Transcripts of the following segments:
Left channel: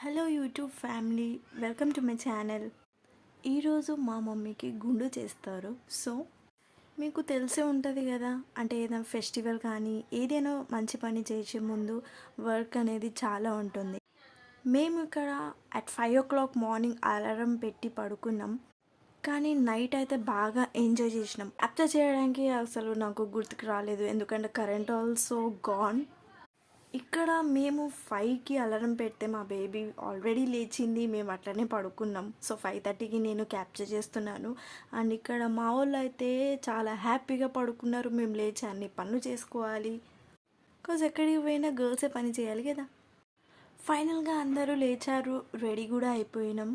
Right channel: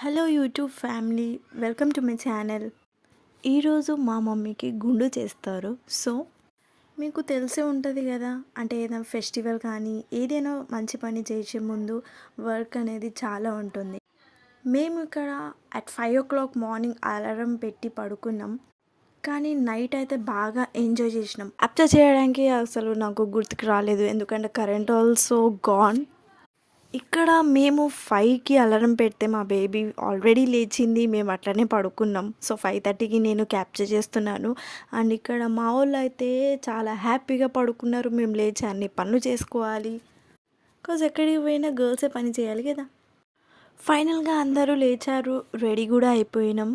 Hello YouTube family, welcome to my channel. ఈరోజు మా మమ్మీకి గుండు చేస్తారు. సో మీకు తెలిసే ఉంటుంది కదా, అంటే ఏదైనా ఫెస్టివల్ కానీ ఏదైనా మంచి పని చేసే ముందు వర్క్ అనేది చాలా ఉంటుంది. మేము ఇక్కడ అట్ 5 o'clock మార్నింగ్ అలారం పెట్టి పడుకున్నాం, కానీ నైట్ అయితే బాగా ఎంజాయ్ చేసినాం. అప్చర్ చేయడానికి అసలు నాకు గుర్తుకు రాలేదు, ఎందుకంటే కరెంట్ ఆల్సో గాన్. ఇక్కడ మేము 5కి అలారం పెడితే మా బేబీ ఆల్రెడీ లేచింది, మేము అట్లనే పడుకున్నాం. సో 5:30కి నేను క్యాప్చర్ చేస్తున్నాను. అండ్ ఇక్కడ మా వాళ్ళు అయితే చాలా హ్యాపీగా పడుకున్నారు. మేము లేచి అన్ని పనులు చేసుకోవాలి, బికాజ్ ఎక్కడికి పోయినా గర్ల్సే పని చేయాలి కదా. ఫైనల్గా అందరూ లేచారు, రెడీ కూడా అయిపోయినాం.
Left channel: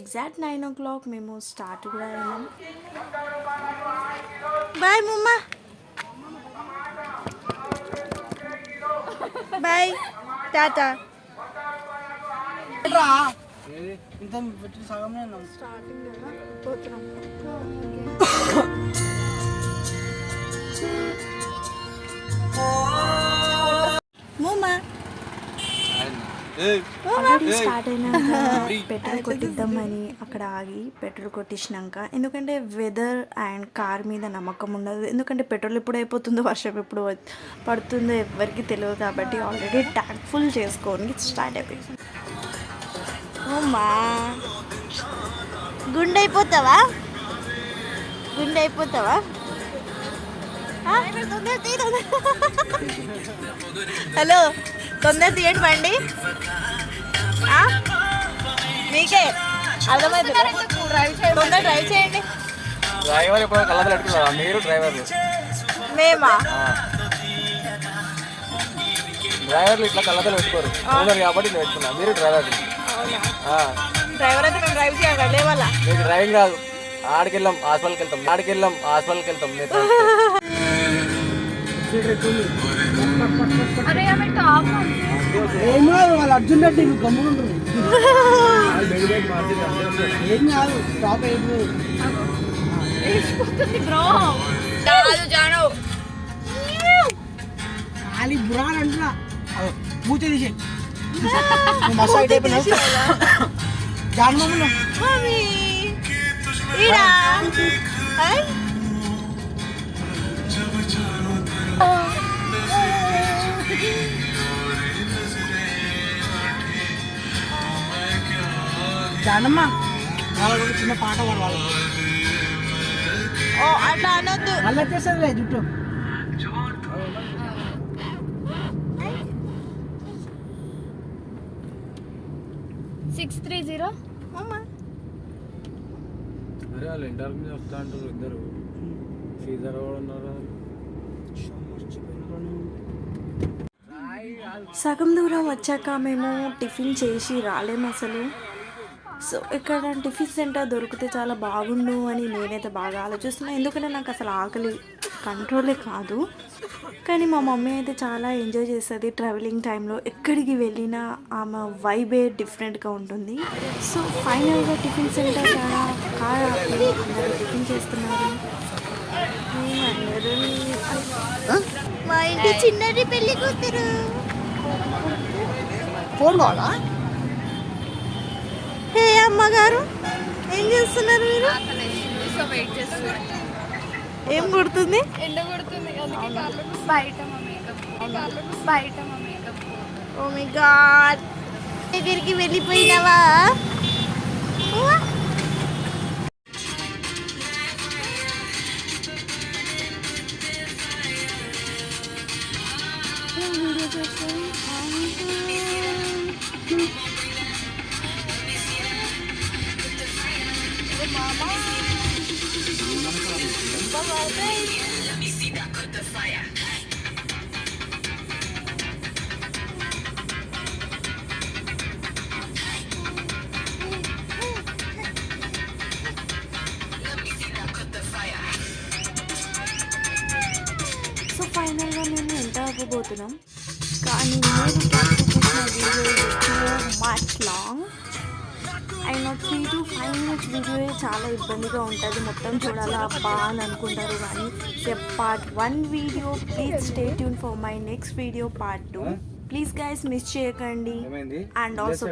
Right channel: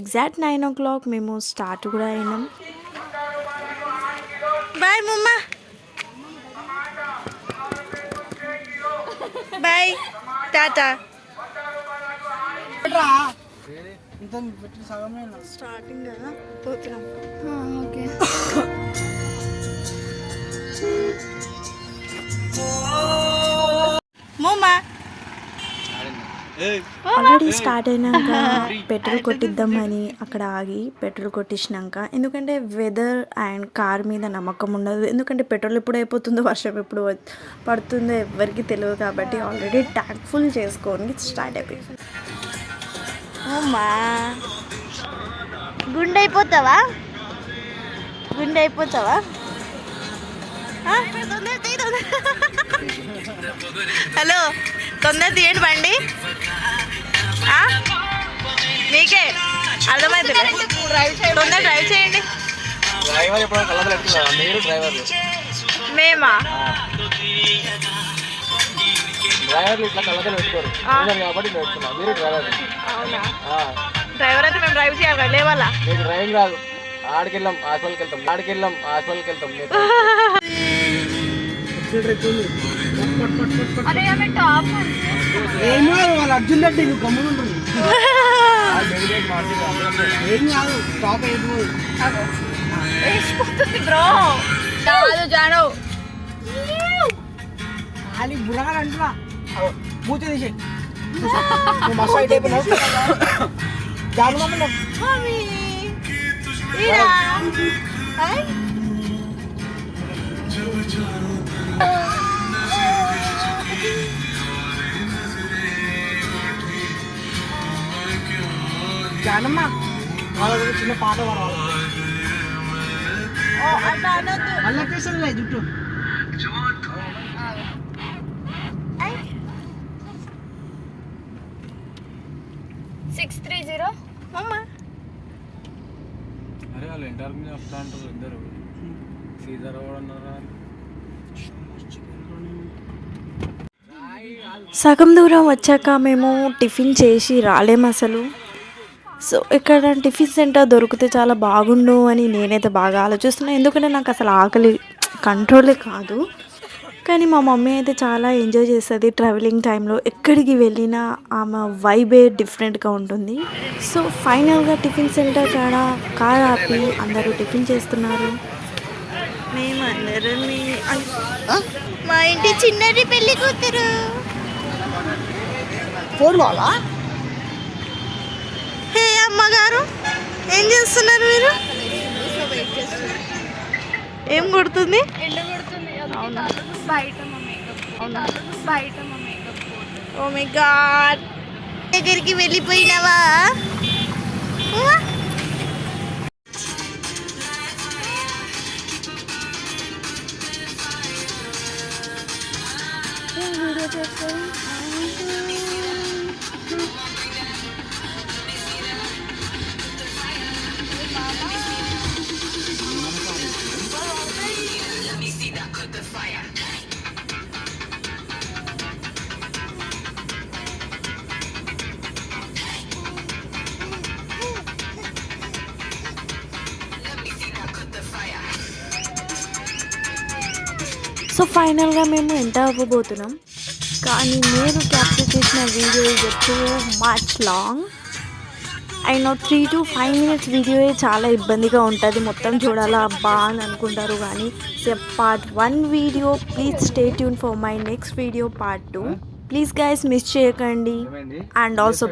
ఎగ్జాక్ట్ 9 o'clock మేము స్టార్ట్ కూడా అయినాం. బాయ్ మమ్మా, బాయ్, టాటా. స్టార్టింగ్ కదా, పోతున్నాం. ఓకే. మమ్మా ఆల్రెడీ స్టార్ట్ అయినాక పెట్రోల్ కొట్టిద్దామని అక్కడ ఆగి పెట్రోల్ కొట్టించినాక, ఎందుకంటే వెదర్ అండ్ కార్ మీద నమ్మకం ఉండదు. ఎందుకంటే పెట్రోల్ ఎప్పుడు అయిపోతుందో, వర్షం ఎప్పుడు పడుతుందో ఎవరికి తెలియదు. కాబట్టి ఆల్రెడీ ట్యాంక్ ఫుల్ చేసుకొని స్టార్ట్ అయిపోయింది. ఓమ్మా, గుండె అయిపోతావా? గుండె అయిపోతావా? హలో, తొందర తీయండి బండి. మీకే అర్థమవుతుంది, తొందర డ్రైవ్ చేయండి. డ్రైవర్ ఎప్పుడు కళ్ళ పెట్టుకున్నారా? మీరు డ్రైవర్లు? మేమా? డ్రైవర్లు ఇట్లా కళ్ళతలు పెట్టుకోరు కాబట్టి నేను పెట్టుకున్నా. మీరు డ్రైవర్లు. అవునా? డ్రైవర్ అయితే మేము డ్రైవ్ చేయాలి, లేవాలా? మీకు డ్రైవింగ్ రాదు. ఆడికెళ్ళాం హాస్పిటల్కి వెళ్తాం, ఆడికెళ్ళాం హాస్పిటల్కి వెళ్తాం. ఏమో వాళ్ళు అర్జున్ రెడ్డి గమ్మున ఏం కాదు, టాప్ అయిపోయి ఖాళీ బురాలు అంటున్నా. మూత తీసే మస్తు అయితే జాను జానమ్మ వాళ్ళ గురించి చిన్న పాట పాడు. వాళ్ళకి మళ్ళీ వచ్చేస్తుంది జుట్టు. అరే వాళ్ళు ఇంటర్వ్యూ వస్తా అంటారు ఇద్దరు. సీజర్ అన్నారా? సగం దూరం వచ్చాక మేము టిఫిన్ చేసి రాలేము అసలు. సో ఇక్కడ టిఫిన్ సెంటర్ దొరికితే చాలా బాగుండు అని నేనైతే బాగా ఆలోచిస్తున్నాను, ఎందుకంటే నాకు అసలు ఆకలి కంట్రోలే కాదు. కానీ మా మమ్మీ అయితే చాలా ఎంజాయ్ చేస్తుంది ట్రావెలింగ్ టైంలో. ఎక్కడికి వెళ్ళినా ఆమె వైబే డిఫరెంట్గా ఉంటుంది. సో ఫైనల్గా టిఫిన్ సెంటర్ కార్ ఆపి అందరూ టిఫిన్ చేస్తున్నారు. మేము అందరం మా ఇంటి చిన్నది పెళ్లి కూతురు. హే అమ్మగారు, ఏం చేస్తున్నారు మీరు? ఏం కొడుతుంది? అవునా? ఓ మై గాడ్, దగ్గరికి వెళ్ళిపోయినావా? సో ఫైనల్గా మేము ఎంటర్ అవ్వబోతున్నాం, కానీ నేను క్యాప్చర్ చేసిన వీడియో ఇది too much long. I know 3 to 5 minutes video చాలా ఇబ్బందిగా ఉంటుంది, మొత్తం చూడాలా అబ్బా అని అనుకుంటారు. కానీ part 1 video, please stay tune for my next video part 2. Please guys miss చేయకండి ఏమైంది అండ్ ఆల్సో